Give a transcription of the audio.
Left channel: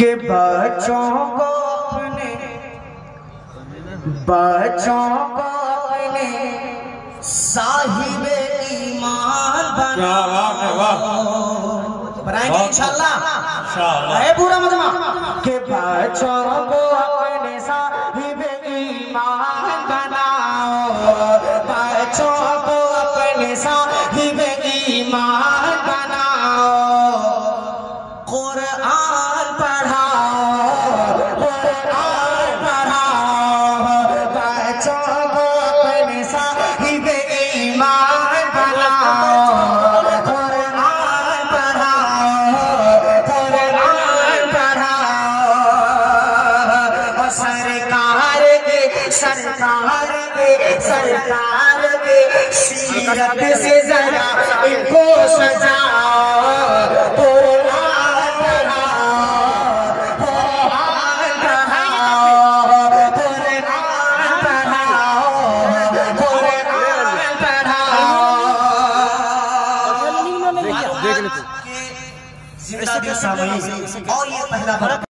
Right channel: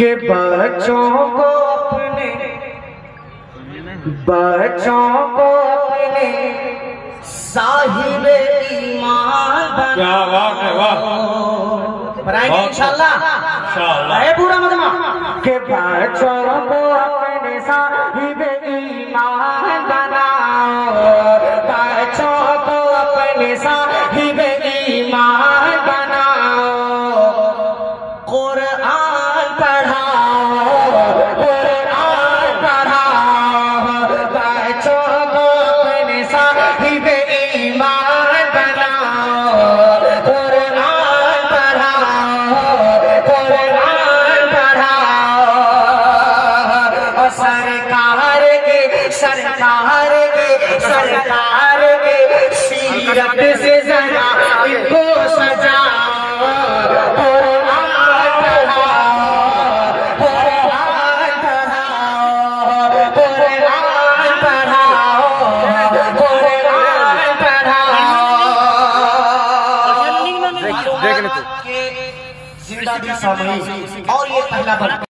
के बच्चों को अपने साहिब ईमान बनाएंगे इंशाल्लाह। अरे पूरा मजमा के बच्चों को अपने साहिब ईमान बनाओ, बच्चों को अपने साहिब ईमान बनाओ, कुरान पढ़ाओ, कुरान पढ़ाओ, बच्चों को अपने साहिब ईमान बनाओ, कुरान पढ़ाओ, कुरान पढ़ाओ। सरकार के सीरत से जरा इनको सजाओ, कुरान पढ़ाओ, कुरान पढ़ाओ, कुरान पढ़ाओ, कुरान पढ़ाओ। देख ले तू जिंदगी सामने और ये पहला